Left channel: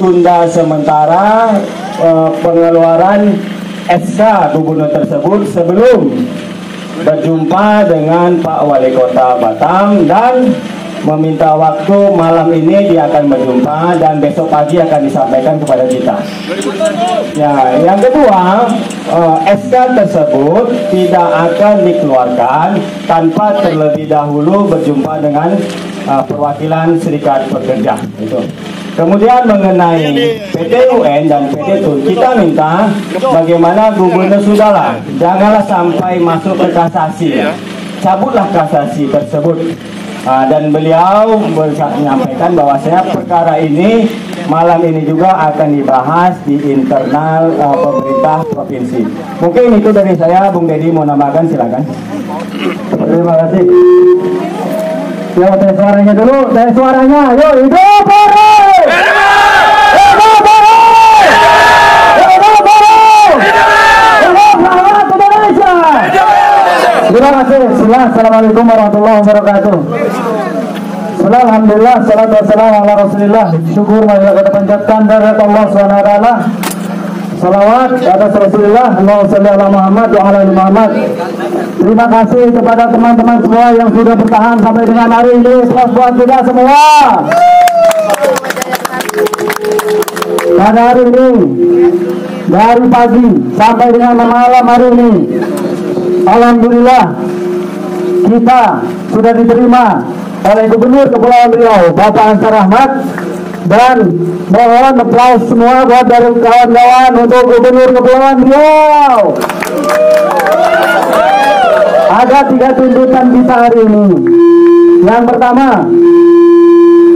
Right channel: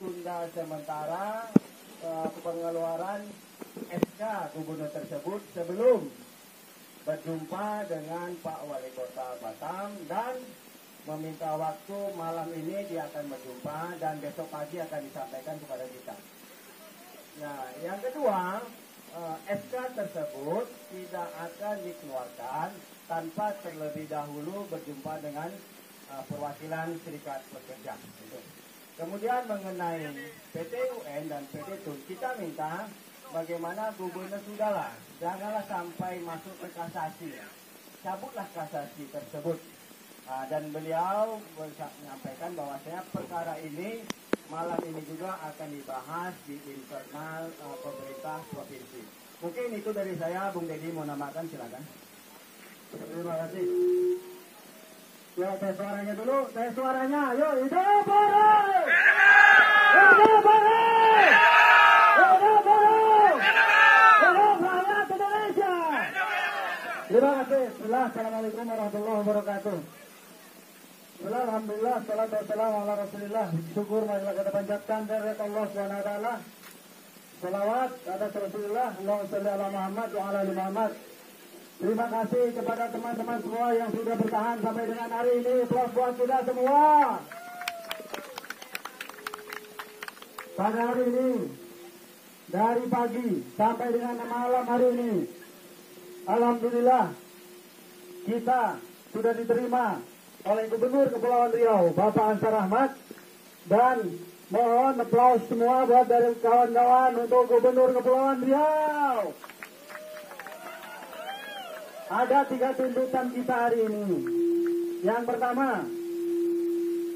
tunda sementara pengeluaran SK gubernur tersebut sebelum berjumpa dengan Pak Wali Kota Batam, dan meminta waktu malam ini dia akan berjumpa dan besok pagi akan disampaikan kepada kita. Ya, yang kedua, SK tersebut tidak akan dikeluarkan tanpa terlebih dahulu berjumpa dengan perwakilan serikat pekerja. Itu. Kemudian mengenai PT UN dan PT TUN, kita minta bagaimana gubernur sudahlah, janganlah sampai masuk ke kasasi. Cabutlah kasasi tersebut. Dan beliau menyampaikan bahwasanya perkara ini malam ini juga akan dibahas di internal pemerintah provinsi. Mungkin itu dari saya, Bung Deddy mau nambahkan, silakan. Terima kasih. Ya, tes suaranya dulu, tes suaranya. Yuk, hidup Polri! Hidup Polri! Hidup Polri! Hidup Rakyat Indonesia! Terima kasih. Assalamualaikum warahmatullahi wabarakatuh. Alhamdulillah, salatu wassalamu ala rasulillah. Syukur marilah kita panjatkan dari Allah SWT. Salawat atas Rasulullah, Allahumma sholli ala Muhammad wa ala ali Muhammad. Terima kasih kepada teman-teman semua yang sudah bertahan sampai dengan hari ini. Selamat buat kita semua. Pada hari ini, dari pagi sampai dengan malam hari ini, alhamdulillah kita sudah diterima oleh Gubernur Kepulauan Riau, Bapak Ansar Ahmad, dan mohon aplaus semua buat dari kawan-kawan untuk Gubernur Kepulauan Riau. Ada 3 tuntutan kita hari ini. Yang pertama,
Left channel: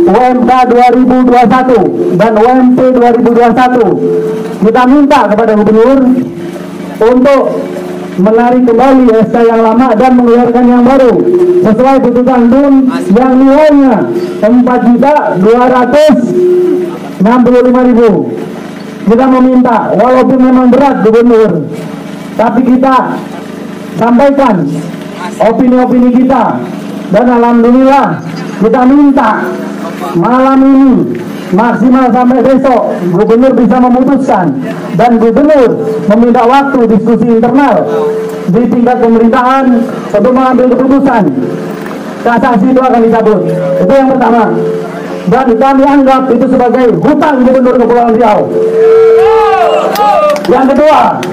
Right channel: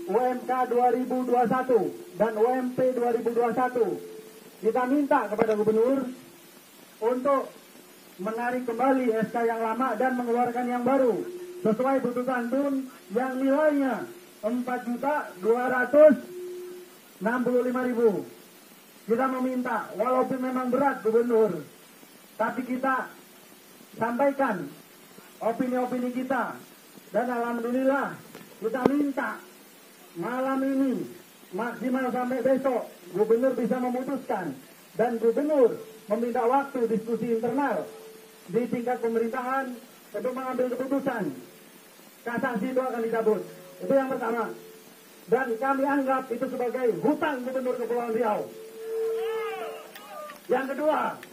UMK 2021 dan UMP 2021. Kita minta kepada Gubernur untuk menarik kembali SK yang lama dan mengeluarkan yang baru sesuai putusan TUN yang nilainya 4.265.000. Kita meminta, walaupun memang berat Gubernur, tapi kita sampaikan opini-opini kita, dan alhamdulillah kita minta malam ini maksimal sampai besok Gubernur bisa memutuskan, dan Gubernur meminta waktu diskusi internal di tingkat pemerintahan untuk mengambil keputusan. Kasasi itu akan dicabut. Itu yang pertama. Dan kami anggap itu sebagai hutang Gubernur Kepulauan Riau. Yang kedua,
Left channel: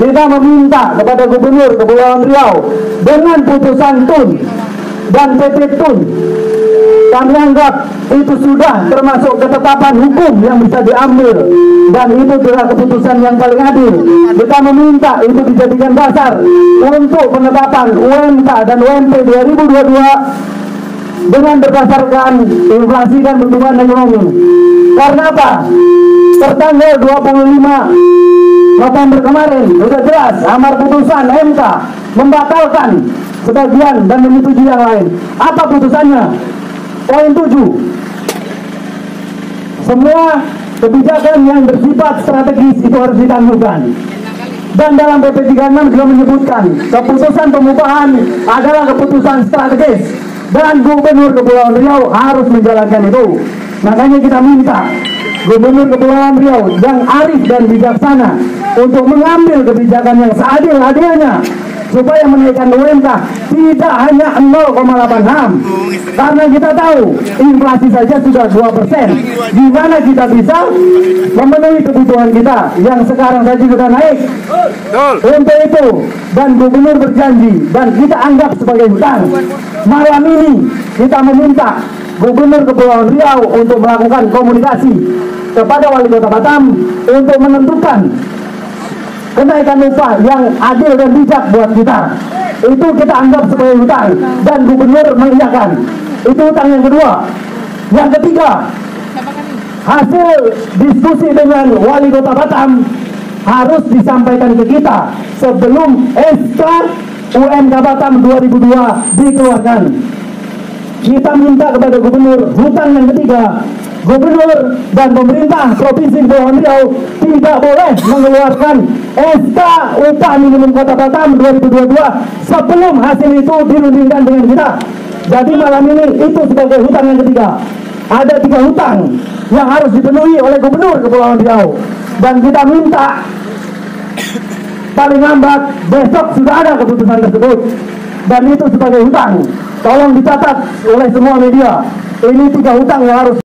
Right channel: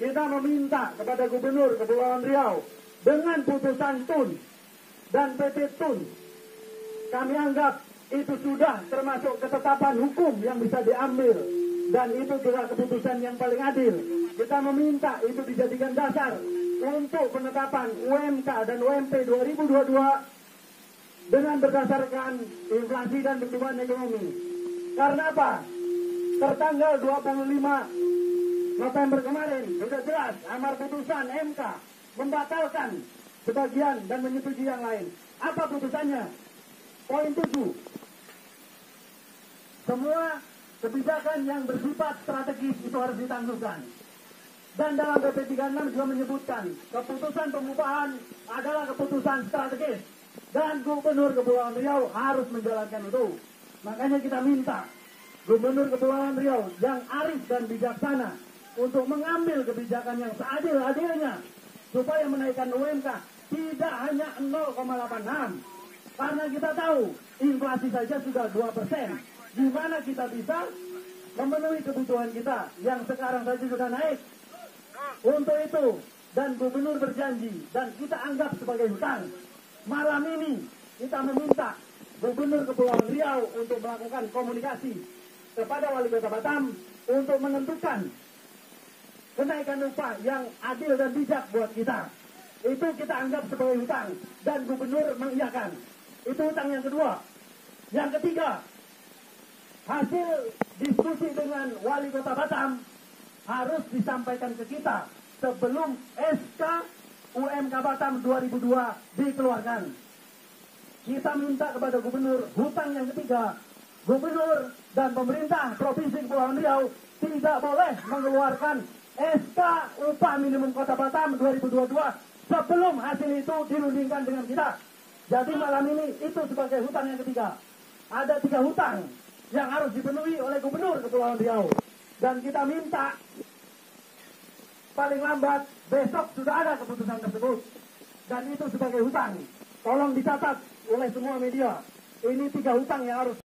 kita meminta kepada Gubernur Kepulauan Riau dengan putusan TUN dan PT TUN, kami anggap itu sudah termasuk ketetapan hukum yang bisa diambil, dan itu adalah keputusan yang paling adil. Kita meminta itu dijadikan dasar untuk penetapan UMK dan UMP 2022 dengan berdasarkan inflasi dan pertumbuhan ekonomi. Karena apa? Tertanggal 25 November kemarin sudah jelas amar putusan MK membatalkan sebagian dan menyetujui yang lain. Apa putusannya? Poin 7. Semua kebijakan yang bersifat strategis itu harus ditangguhkan. Dan dalam PP 36 juga menyebutkan keputusan pengupahan adalah keputusan strategis, dan Gubernur Kepulauan Riau harus menjalankan itu. Makanya kita minta Gubernur Kepulauan Riau yang arif dan bijaksana untuk mengambil kebijakan yang seadil-adilnya supaya menaikkan UMK tidak hanya 0,86, karena kita tahu inflasi saja sudah 2%. Gimana kita bisa memenuhi kebutuhan kita yang sekarang saja sudah naik? Untuk itu, dan Gubernur berjanji dan kita anggap sebagai hutang, malam ini kita meminta Gubernur Kepulauan Riau untuk melakukan komunikasi kepada Wali Kota Batam untuk menentukan kenaikan upah yang adil dan bijak buat kita. Itu kita anggap sebagai hutang, dan Gubernur mengiyakan. Itu hutang yang kedua. Yang ketiga, hasil diskusi dengan Wali Kota Batam harus disampaikan ke kita sebelum SK UMK Batam 2002 dikeluarkan. Kita minta kepada Gubernur, hutang yang ketiga, Gubernur dan pemerintah Provinsi Kepulauan Riau tidak boleh mengeluarkan SK upah minimum Kota Batam 2022 sebelum hasil itu dirundingkan dengan kita. Jadi malam ini itu sebagai hutang yang ketiga. ada 3 hutang yang harus dipenuhi oleh Gubernur Kepulauan Riau, dan kita minta paling lambat besok sudah ada keputusan tersebut, dan itu sebagai hutang. Tolong dicatat oleh semua media, ini 3 hutang yang harus